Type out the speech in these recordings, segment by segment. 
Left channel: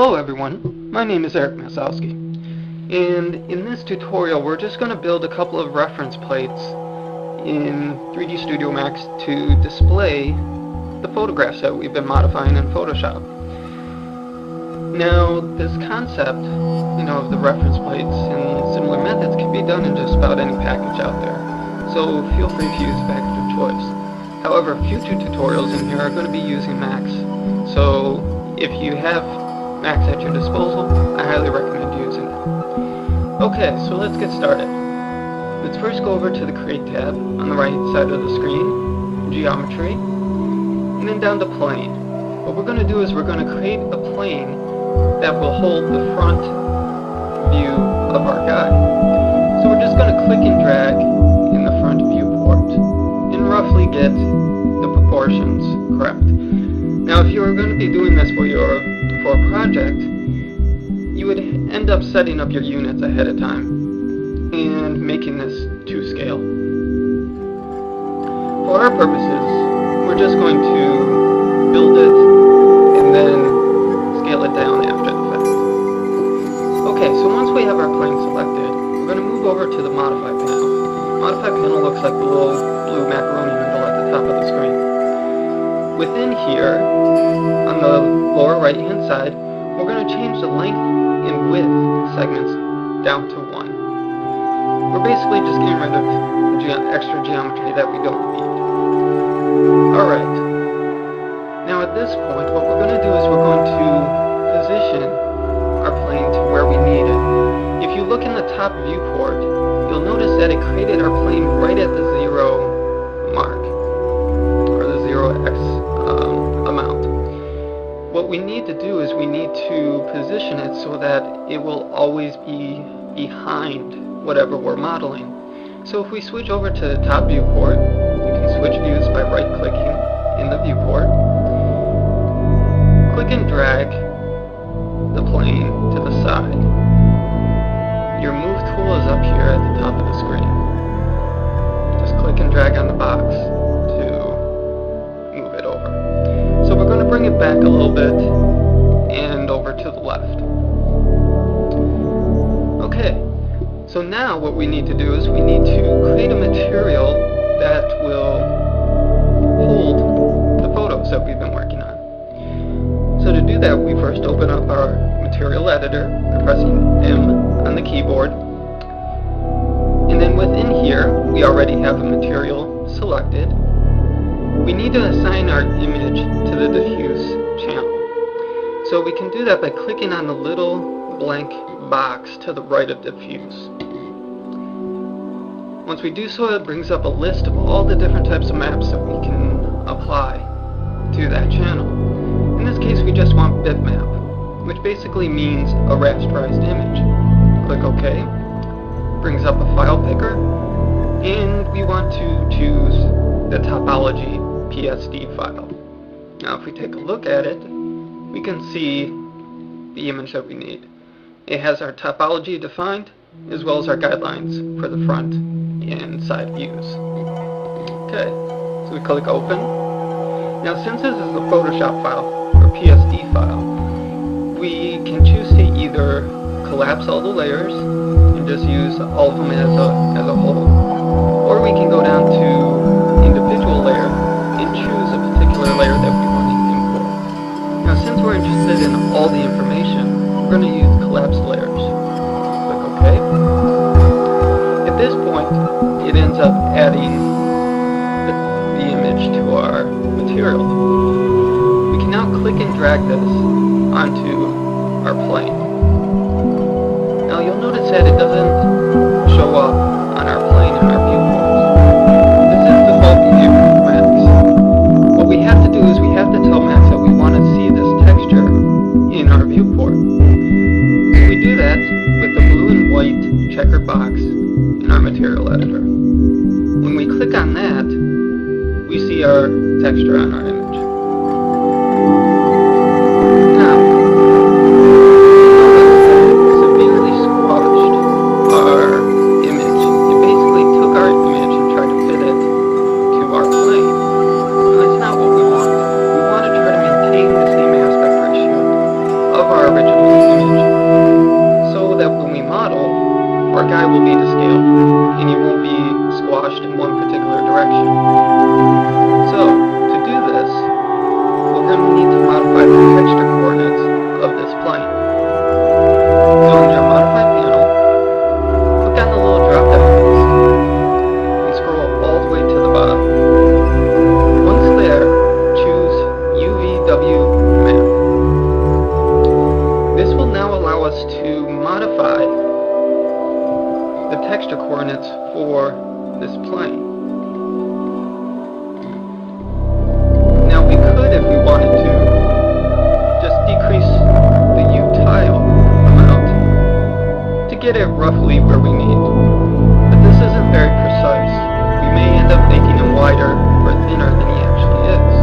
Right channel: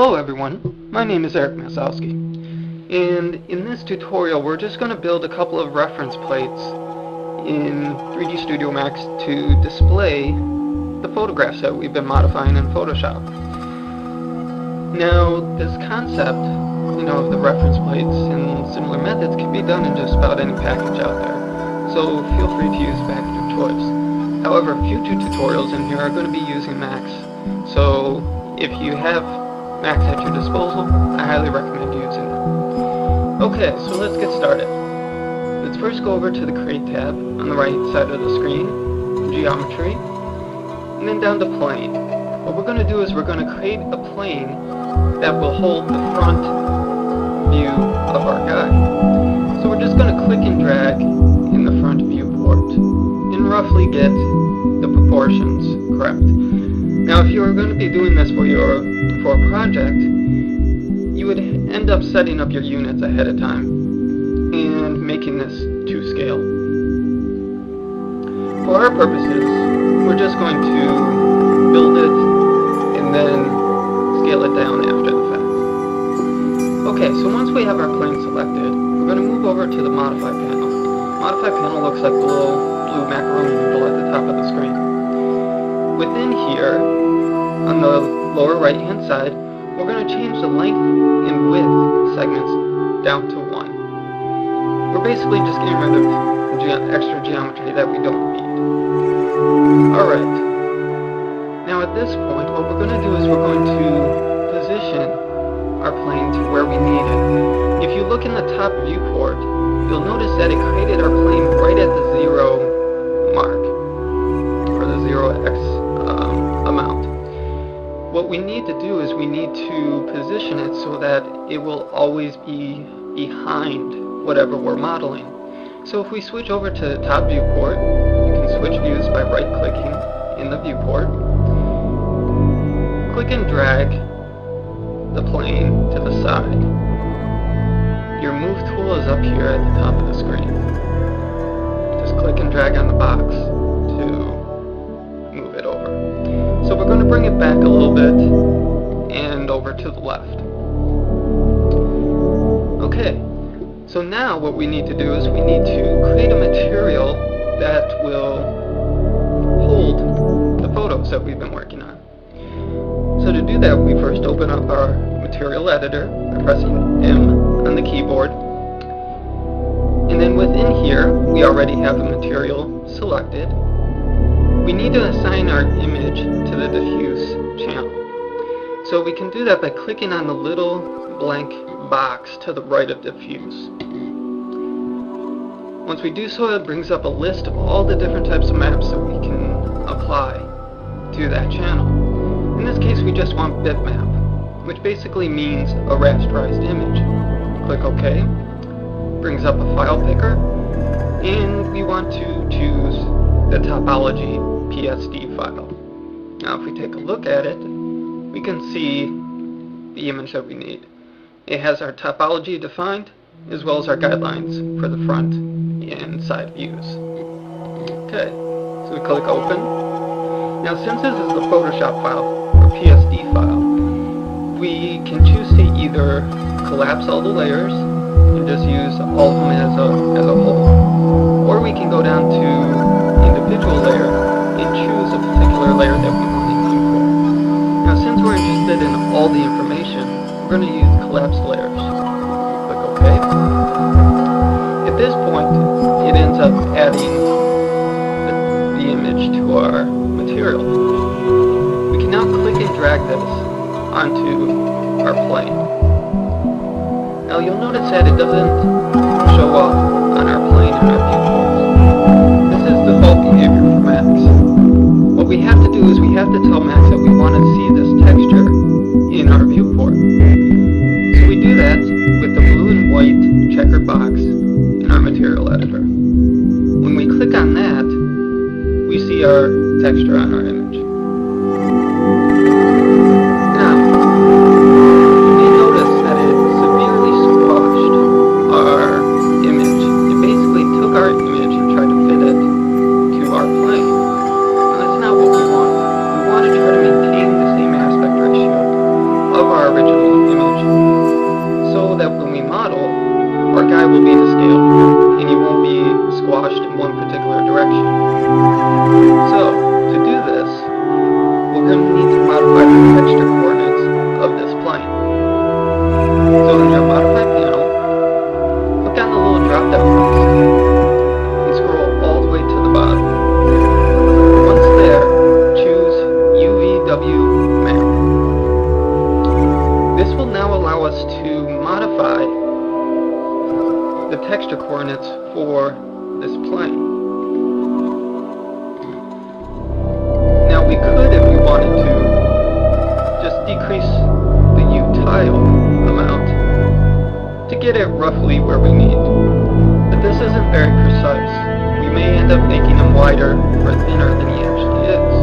Hello everyone, my name is Eric Masowski, and in this tutorial we're just going to build a couple of reference plates in 3D Studio Max to display the photographs that we've been modifying in Photoshop. Now this concept, of the reference plates and similar methods can be done in just about any package out there, so feel free to use the package of choice. However, future tutorials in here are going to be using Max, so if you have Max at your disposal, I highly recommend using it. Okay, so let's get started. Let's first go over to the Create tab on the right side of the screen, Geometry, and then down to Plane. What we're going to do is we're going to create a plane that will hold the front view of our guy. So we're just going to click and drag in the front viewport and roughly get the proportions correct. Now if you were going to be doing this for a project, you would end up setting up your units ahead of time and making this to scale. For our purposes, we're just going to build it and then scale it down after the fact. Okay, so once we have our plane selected, we're going to move over to the Modify panel. Modify panel looks like the little blue macaroni noodle at the top of the screen. Within here, on the lower right hand side, we're going to change the length and width segments down to 1. We're basically just getting rid of the extra geometry that we don't need. Alright, now at this point what we're going to do is we're going to position our plane to where we need it. If you look in the top viewport, you'll notice that it created our plane right at the 0 mark, or the 0x amount. What we need to do is we need to position it so that it will always be behind whatever we're modeling. So if we switch over to the top viewport, you can switch views by right-clicking in the viewport. Click and drag the plane to the side. Your move tool is up here at the top of the screen. Just click and drag on the box to move it over. So we're going to bring it back a little bit and over to the left. Okay, so now what we need to do is we need to create a material that will hold the photos that we've been working on. So to do that, we first open up our material editor by pressing M on the keyboard. And then within here, we already have the material selected. We need to assign our image to the diffuse channel. So we can do that by clicking on the little blank box to the right of diffuse. Once we do so, it brings up a list of all the different types of maps that we can apply to that channel. In this case, we just want bitmap, which basically means a rasterized image. Click OK. Brings up a file picker, and we want to choose the topology PSD file. Now if we take a look at it, we can see the image that we need. It has our topology defined, as well as our guidelines for the front and side views. Okay, so we click open. Now since this is a Photoshop file, or PSD file, we can choose to either collapse all the layers and just use all of them as a whole, or we can go down to individual layer and choose a particular layer that we want to import. Now since we're interested in all the information, we're going to use collapsed layers. Click OK. At this point, it ends up adding the image to our material. We can now click and drag this onto our plane. Now you'll notice that it doesn't show up on our plane in our viewports. This is default behavior for Max. What we have to do is we have to tell Max that we want to see this texture in our viewport. So we do that with the blue and white checkered box in our material editor. When we click on that, we see our texture on our image. Now, you notice that it severely squashed our image. It basically took our image and tried to fit it to our plane. And that's not what we want. We want to try to maintain the same aspect ratio of our our original image, so that when we model, our guy will be to scale, and he won't be squashed in one particular direction. So, to do this, we're going to need to modify the texture coordinates of this plane. So in your Modify panel, click on the little drop-down list, and scroll all the way to the bottom. Once there, choose UVW Map. This will now allow us to modify the texture coordinates for this plane. Now we could, if we wanted to, just decrease the U tile amount to get it roughly where we need. But this isn't very precise. We may end up making him wider or thinner than he actually is.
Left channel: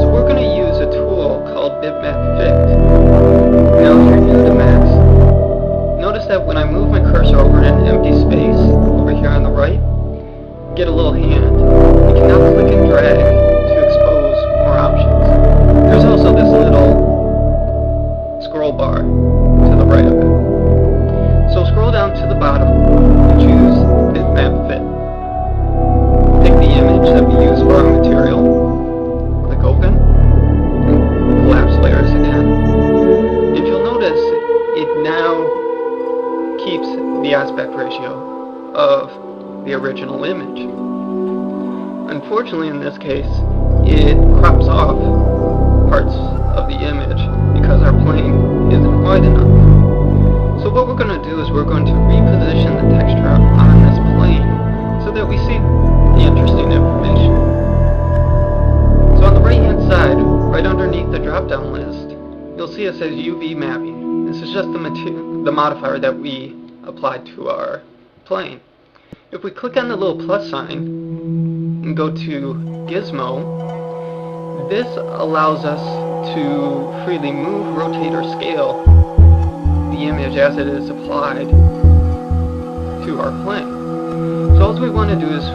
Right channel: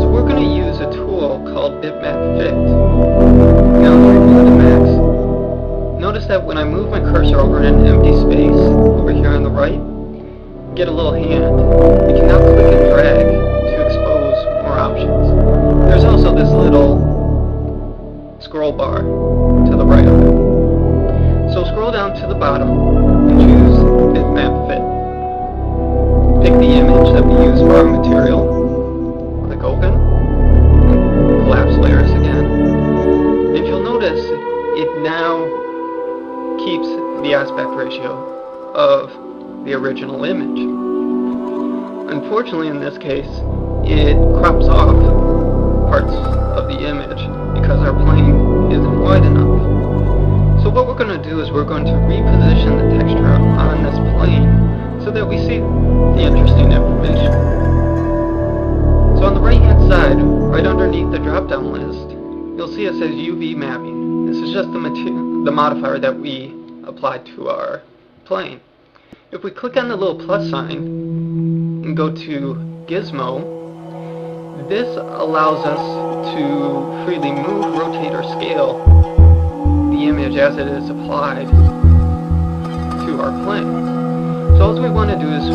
So we're going to use a tool called Bitmap Fit. Now if you're new to Max, notice that when I move my cursor over an empty space over here on the right, get a little hand. You can now click and drag to expose more options. There's also this little scroll bar to the right of it. So scroll down to the bottom and choose Bitmap Fit. Pick the image that we use for our material. Click Open. And collapse layers again. And you'll notice it now keeps the aspect ratio of the original image. Unfortunately, in this case, it crops off parts of the image because our plane isn't wide enough. So what we're going to do is we're going to reposition the texture on this plane so that we see the interesting information. So on the right hand side, right underneath the drop down list, you'll see it says UV mapping. This is just the modifier that we applied to our plane. If we click on the little plus sign and go to Gizmo, this allows us to freely move, rotate, or scale the image as it is applied to our plane. So all we want to do is